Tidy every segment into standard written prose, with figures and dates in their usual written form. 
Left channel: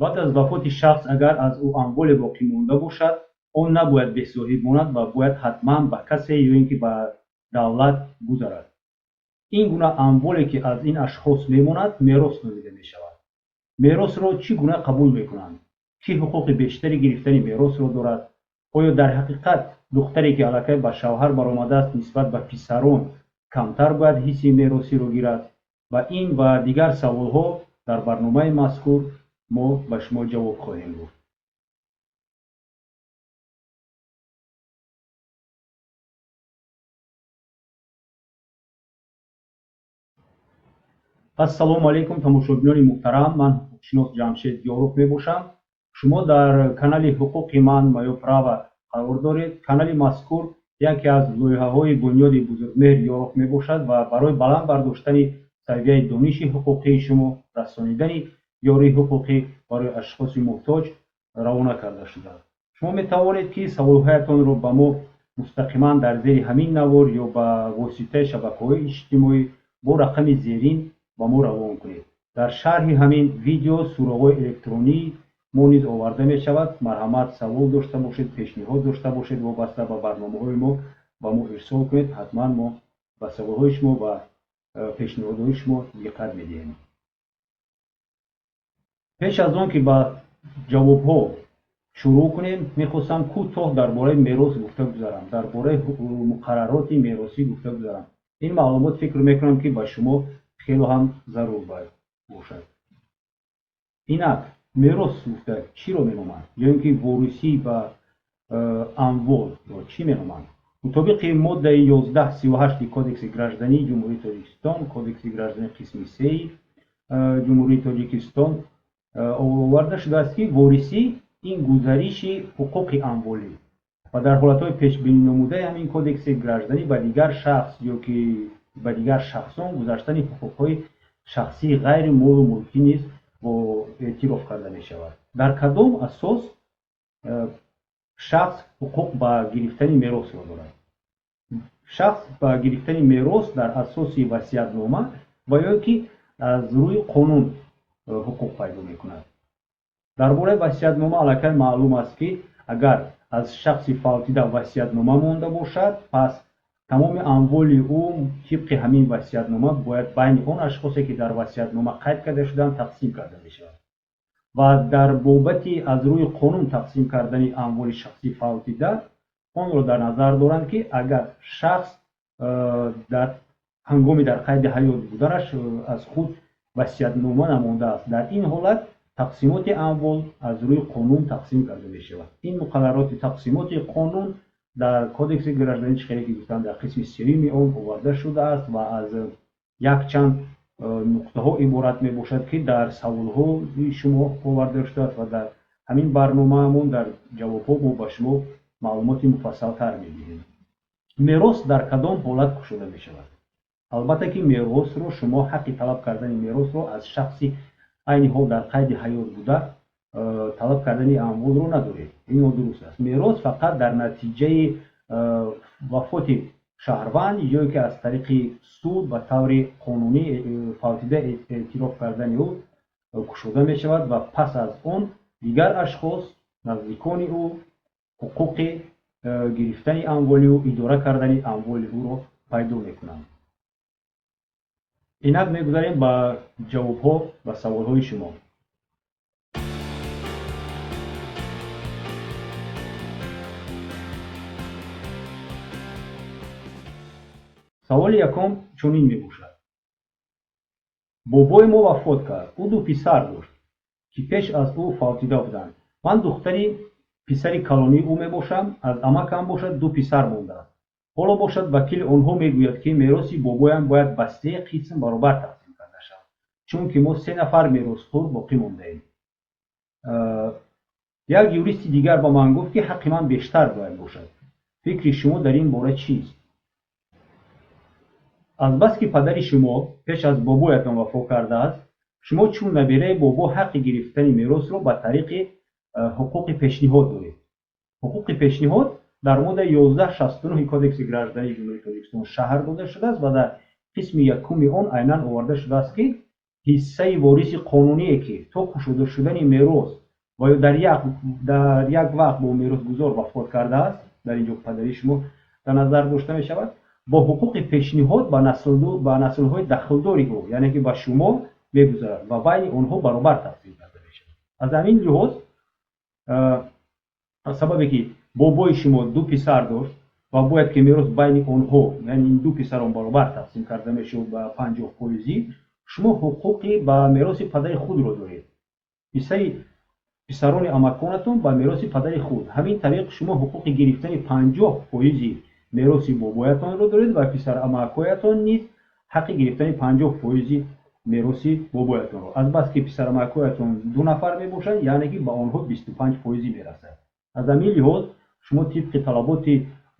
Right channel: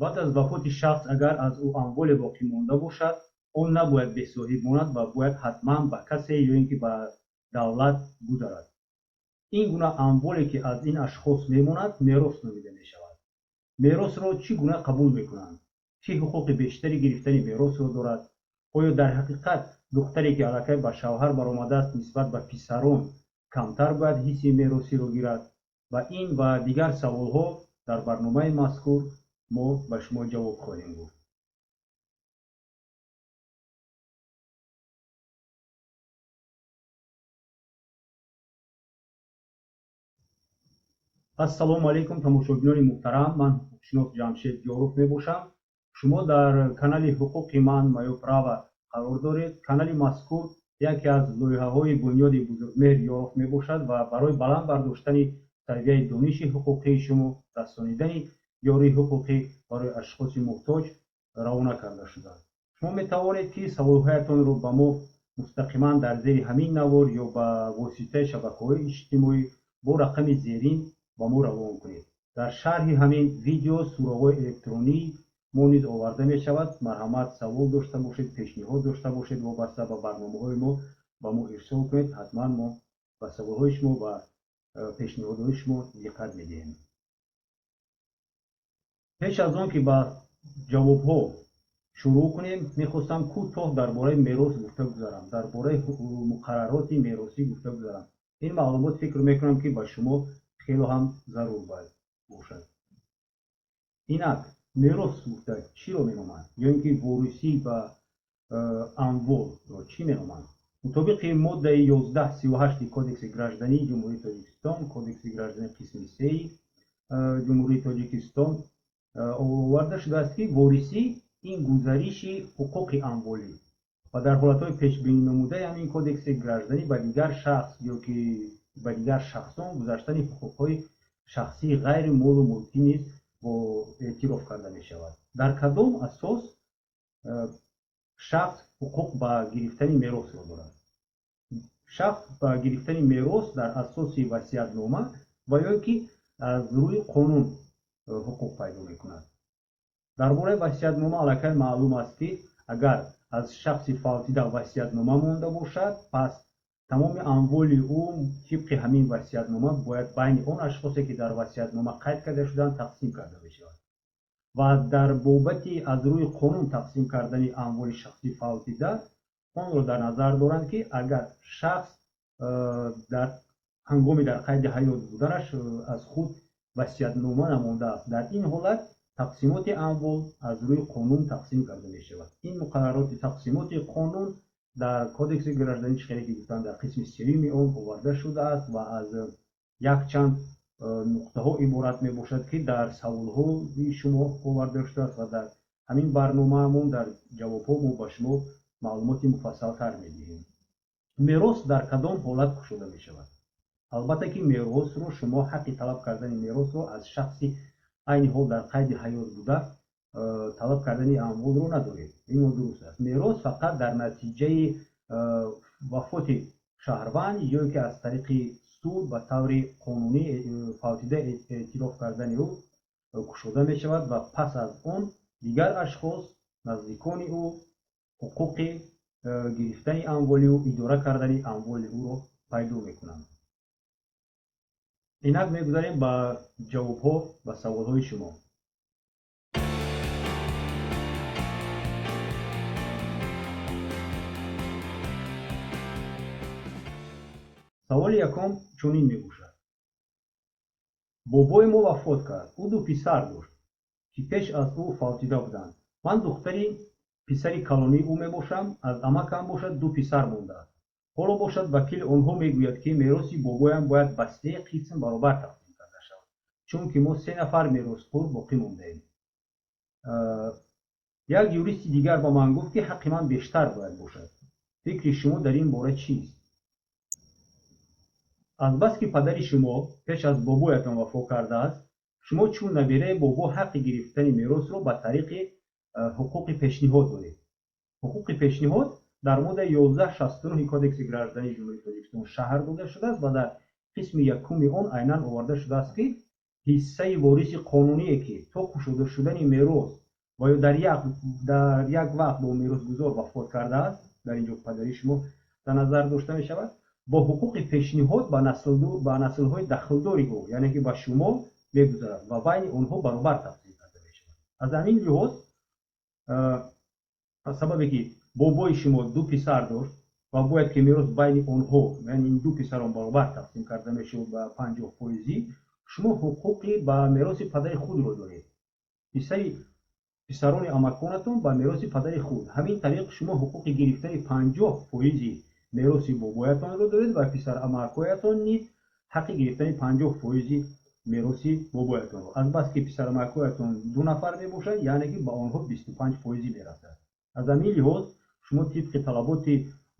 بعد از وفات شخص اگر از او اموال باقی مانده باشد آن نباید بی‌صاحب ماند و باید حتما به کسی یا اینکه به دولت گذارد. این گونه اموالی که از این اشخاص میماند میراث نامیده می شود. میراث را چی گونه قبول میکنند؟ کی حقوق بیشتری گرفتن میراث را دارد؟ آیا در حقیقت دختری که الکی به شوهر برآمده است نسبت به پسران کمتر باید حصه میراثی را گیرد؟ و این و دیگر سوالها در برنامه مذکور ما به شما جواب خواهیم گفت. السلام علیکم تماشاگران محترم، من حقوقشناس جمشید یاروف میباشم. شما در کانال حقوق من مایو право قرار دارید. کانال مذکور یکی از لایحه‌های بنیاد بزرگمهر یاروف میباشد و برای بلند برداشتن سویه دانش حقوقی شما رسانیدن یاری حقوقی برای اشخاص محتاج روانه کرده شده است. شما میتوانید که سوالهایتان را به ما مستقیما در زیر همین نوار یا به واسطه شبکه‌های اجتماعی با رقم زیرین با ما روان کنید. در شرح همین ویدیو سوراخ‌های الکترونی ما نیز آورده می شود. مرحمت سوال داشته باشید، پیشنهاد داشته باشید وابسته به برنامه‌های ما با ما ارسال کنید. حتما ما به سوال‌های شما و پیشنهادهای شما دقت می‌دهیم. پیش از آن که به جواب‌ها شروع کنیم می‌خواستم کوتاه درباره میراث گفته گذارم، درباره مقررات میراثی گفته گذارم. این معلومات فکر می‌کنم که به شما خیلی هم ضرور باید باشد. اینک میراث گفته چی رو می‌نامند یا اینکه وارثی به اموال رو چی می‌نامند؟ مطابق ماده 1138 کودکس گраждани جمهوری تاجیکستان، کودکس گраждани قسم 3 جمهوری تاجیکستان آورده شده است که وارثی این گزارش حقوق اموالی و در حالت‌های پیش بینی نموده همین کودکس گраждани به دیگر شخص یا که به دیگر شخصان گذاشتن حقوق‌های شخصی غیر مال و ملکی نیز با اعتراف کرده می شود. در کدام اساس شخص حقوق به گرفتن میراث را دارد؟ شخص به گرفتن میراث در اساس وصیت‌نامه و یا که از روی قانون حقوق پیدا می کند. درباره وصیت‌نامه الکی معلوم است که اگر از شخص فوتیده وصیت‌نامه مانده باشد پس تمام اموال او طبق همین وصیت‌نامه باید بین آن اشخاصی که در وصیت‌نامه قید کرده شدند تقسیم کرده بشود و در بابت از روی قانون تقسیم کردن اموال شخصی فوتیده آن را در نظر دارند که اگر شخص در هنگامی در قید حیات بودنش از خود وصیت‌نامه نمانده است، در این حالت تقسیمات اموال از روی قانون تقسیم کرده می شود. این مقررات تقسیمات قانون در کودکس گраждани چیزی که گفتم در قسم سوم آن آورده شده است و از یک چند نقطه ها عبارت می باشد که در سوال ها شما آورده شده است و در همین برنامه همون در جواب ها ما به شما معلومات مفصل تر می دهیم. میراث در کدام حالت گشوده می شود؟ البته که میراث رو شما حق طلب کردن میراث رو از شخصی عین حال در قید حیات بوده طلب کردن اموال رو ندارید. این درست است. میراث فقط در نتیجه وفات شهروند یا که از طریق سود و طور قانونی فوتیده اعتراف کردن او گشوده می شود و پس از آن دیگر اشخاص نزدیکان او حقوق گرفتن اموال او اداره کردن اموال او رو پیدا می کنند. اینک می‌گذاریم به جواب‌ها و سوال‌های شما. سوال یکم چنین می‌باشد: بابای ما وفات کرد. او دو پسر داشت که پیش از او فوتیده بودند. من دختری پسر کلانی او میباشم. از عمکم باشد دو پسر مانده است. حالا باشد وکیل آنها میگوید که میراث بابایم باید به 3 قسم برابر تقسیم کرده شود چون که ما 3 نفر میراثخوار باقی مانده ایم. یک یوریست دیگر با من گفت که حق من بیشتر باید باشد. فکر شما در این باره چیست؟ از بس که پدر شما پیش از بابایتان وفات کرده است، شما چون نبیره بابا حق گرفتن میراث را به طریق حقوق پیشنهاد دارید. حقوق پیشنهاد در ماده 1169 کودکس گраждани جمهوری تاجیکستان شهر داده شده است و در قسم یکم آن عیناً آورده شده است که حصه وارث قانونیه که تا کشوده شدن میراث و یا در یک وقت با میراث گذار وفات کرده است، در اینجا پدری شما در نظر داشته می شود، با حقوق پیشنهاد به نسل های دخلداری او، یعنی که به شما میگذارد و بین آنها برابر تقسیم کرده می شود. از همین لحاظ سببی که بابای شما دو پسر داشت و باید که میراث بین آنها، یعنی این دو پسران برابر تقسیم کرده می شود به 50%، شما حقوقی به میراث پدر خود را دارید. حصه پسران امکانتون به میراث پدر خود، همین طریق شما حقوق گرفتن 50% میراث بابایتان را دارید و پسر امکانتان نیز حق گرفتن 50% میراث بابایتان را. از بس که پسر امکانتان 2 نفر می باشند، یعنی که به آنها 25% میرسد. از همین لحاظ شما طبق طلبات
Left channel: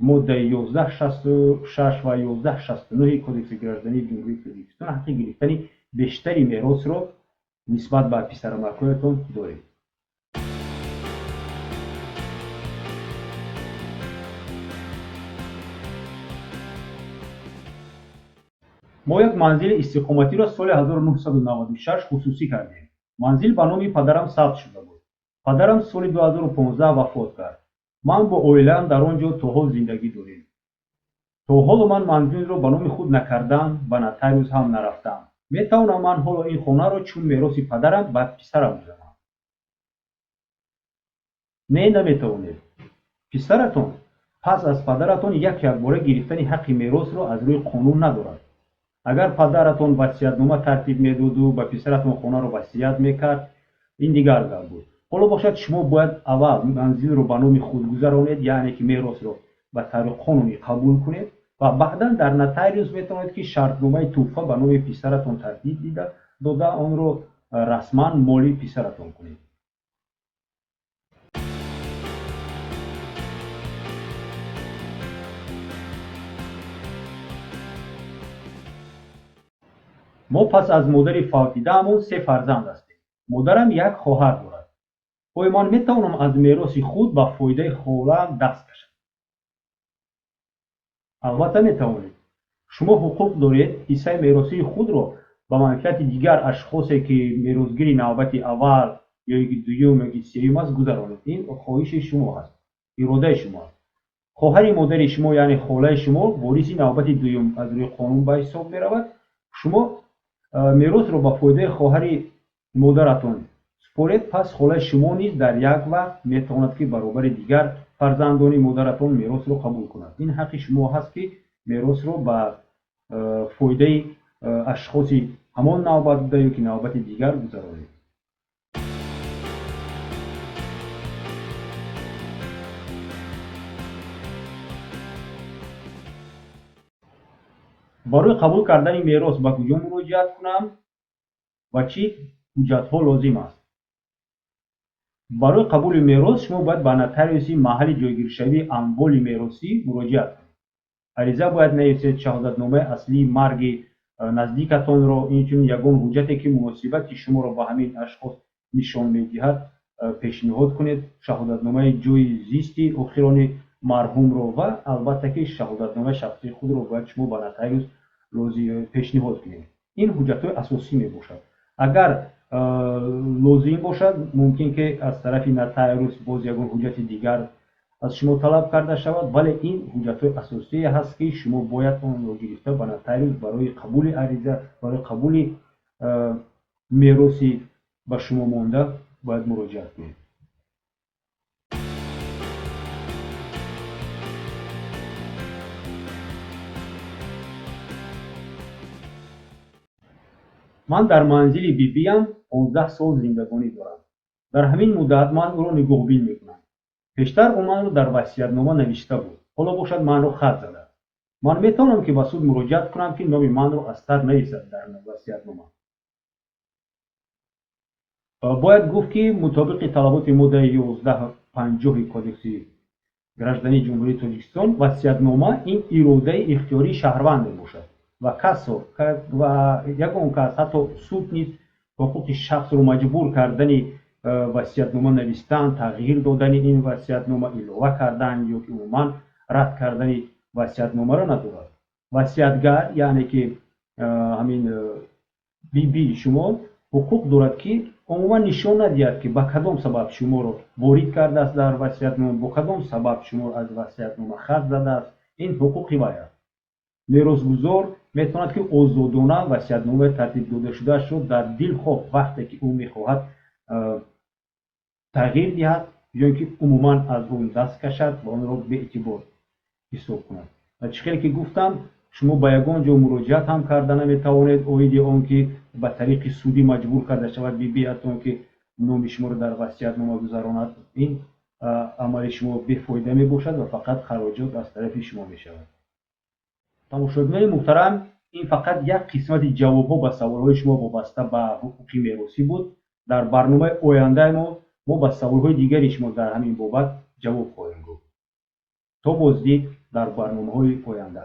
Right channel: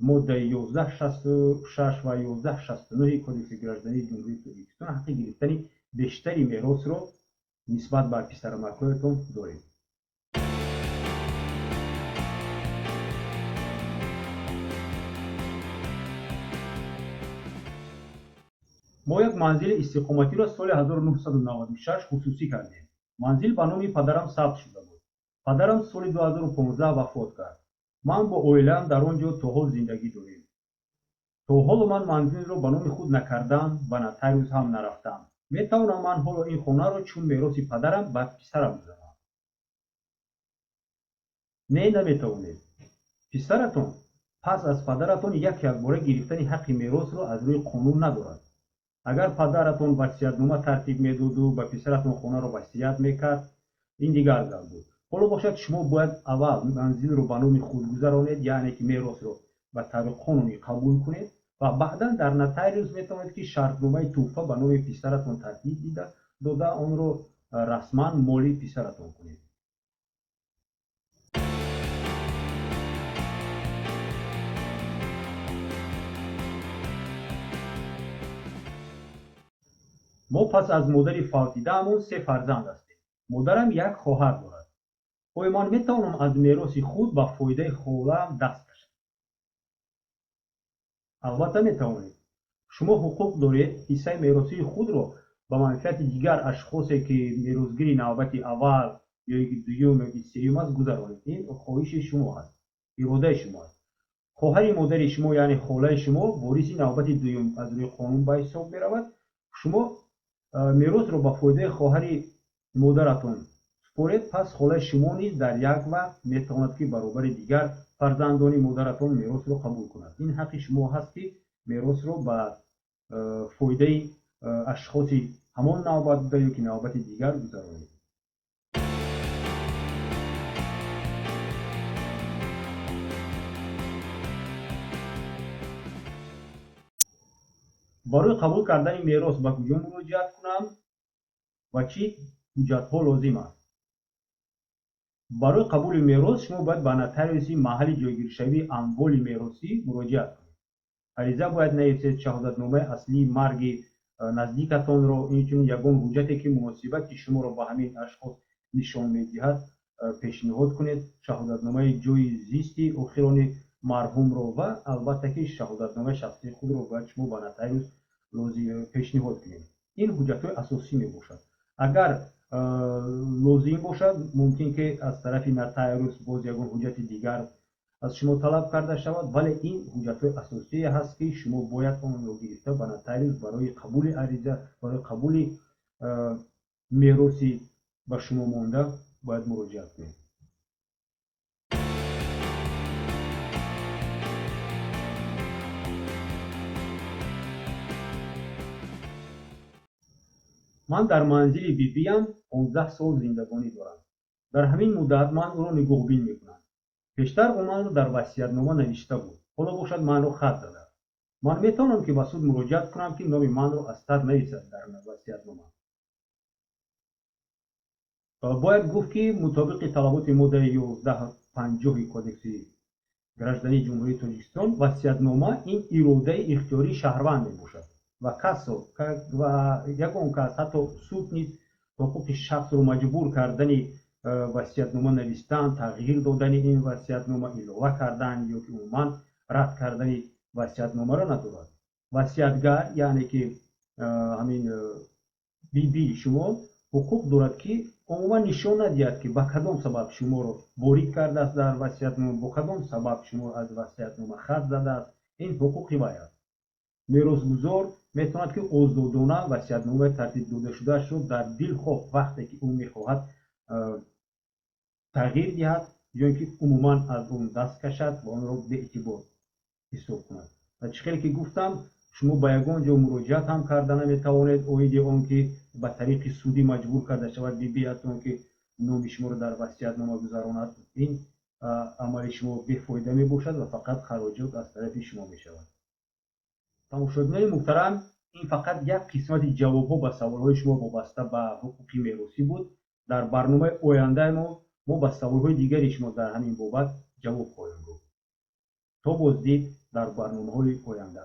ماده 1166 و 1169 کودکس گراجدانی جمهوری تاجیکستان حق گرفتن بیشتری میراث را نسبت به پسر امکانتان دارید. ما یک منزل استقامتی را سال 1996 خصوصی کردیم. منزل به نام پدرم ثبت شده بود. پدرم سال 2015 وفات کرد. من با اویلم در آنجا تا حال زندگی داریم. تا حال من منزل را به نام خود نکردم و نتایج هم نرفتم. میتوانم من حالا این خانه را چون میراث پدرم به پسرم بدهم؟ نمیتوانید. پسرتون پس از پدرتون یک باره گرفتن حق میراث را از روی قانون ندارد. اگر پدرتون وصیت‌نامه ترتیب میداد و به پسرتون خانه را وصیت میکرد، این دیگر گپ بود. حالا باشد شما باید اول منزل را به نام خود گذرانید، یعنی که میراث را به طریق قانونی قبول کنید و بعدا در نتایج میتوانید که شرطنامه توفیق به نام پسرتون ترتیب داده آن را رسما مالی پسرتون کنید. ما پس از مادر فوتیده‌مون 3 فرزند هستیم. مادرم یک خواهر دارد. من میتوانم از میراث خود به فایده خاله‌ام دست کشم؟ البته میتوانید. شما حقوق دارید حصه میراثی خود را به منفعت دیگر اشخاصی که میراثگیر نوبت اول یا یک دوم یا سوم است گذرانید. این خواهش شما است، اراده شما است. خواهر مادر شما یعنی خاله شما وارث نوبت دوم از روی قانون به حساب میرود. شما میراث را به فایده خواهر مادرتون سپارید، پس خاله شما نیز در یک وقت میتواند که برابر دیگر فرزندان مادرتون میراث را قبول کند. این حق شما هست که میراث را به فایده اشخاص همان نوبت یا که نوبت دیگر گذرانید. برای قبول کردن میراث به کجا مراجعت کنم و چی حجت‌ها لازم است؟ برای قبول میراث شما باید به نوتریوس محل جایگیرشوی اموال میراثی مراجعت کنید. عریضه باید نویسید، شهادتنامه اصلی مرگ نزدیکتان را، اینچنین یگان حجتی که مناسبت شما را به همین اشخاص نشان میدهد پیشنهاد کنید. شهادتنامه جای زیستی آخران مرحوم را و البته که شهادتنامه شخصی خود را باید شما به نوتریوس پیشنهاد کنید. این حجت‌های اساسی می باشد. اگر لازم باشد ممکن که از طرف نوتریوس باز یگان حجت دیگر از شما طلب کرده شود، ولی این حجت‌های اساسی هست که شما باید آن را گرفته به نوتریوس برای قبول عریضه، برای قبول میراثی به شما مانده باید مراجعت کنید. من در منزل بیبیم 15 سال زندگانی دارم. در همین مدت من او را نگاهبین میکنم. پیشتر او من را در وصیت‌نامه نوشته بود. حالا باشد من را خط زده. من میتوانم که به سود مراجعت کنم که نام من را از سر نریزد در وصیت‌نامه. باید گفت که مطابق طلبات ماده 1150 کودکس گراجدانی جمهوری تاجیکستان وصیت‌نامه این اراده اختیاری شهروند میباشد و کسی و یگان کس حتی سود نیز حقوق شخص را مجبور کردن وصیت‌نامه نوشتن، تغییر دادن این وصیت‌نامه، علاوه کردن یا که عموما رد کردن وصیت‌نامه را ندارد. وصیتگر یعنی که همین بی شما ҳуқуқ дорад ки умуман нишон надиҳад ки ба кадом сабаб шуморо ворид кардааст дар васиятнома, бо кадом сабаб шумо аз васиятнома хат задааст. Ин ҳуқуқи вай аст. меросгузор метавонад ки озодона васиятномаи тартиб додашудаашро дар дил хоҳ вақте ки ӯ мехоҳад тағйир диҳад ё ки умуман аз он даст кашад ва онро беэътибор ҳисоб кунад. ва чӣ хеле ки гуфтам, шумо ба ягон ҷо муроҷиат ҳам карда наметавонед оиди он ки ба тариқи судӣ маҷбур карда шавад бибиатон ки номи шуморо дар васиятнома гузаронад. Ин амали шумо бефоида мебошад ва фақат хароҷот аз тарафи шумо мешавад. тамошобинони муҳтарам, ин фақат як қисмати ҷавобҳо ба саволҳои шумо вобаста ба ҳуқуқи меросӣ буд. дар барномаи ояндаи мо ба саволҳои дигари шумо дар ҳамин бобат ҷавоб хоҳем гуфт. то боздид дар барномаҳои оянда.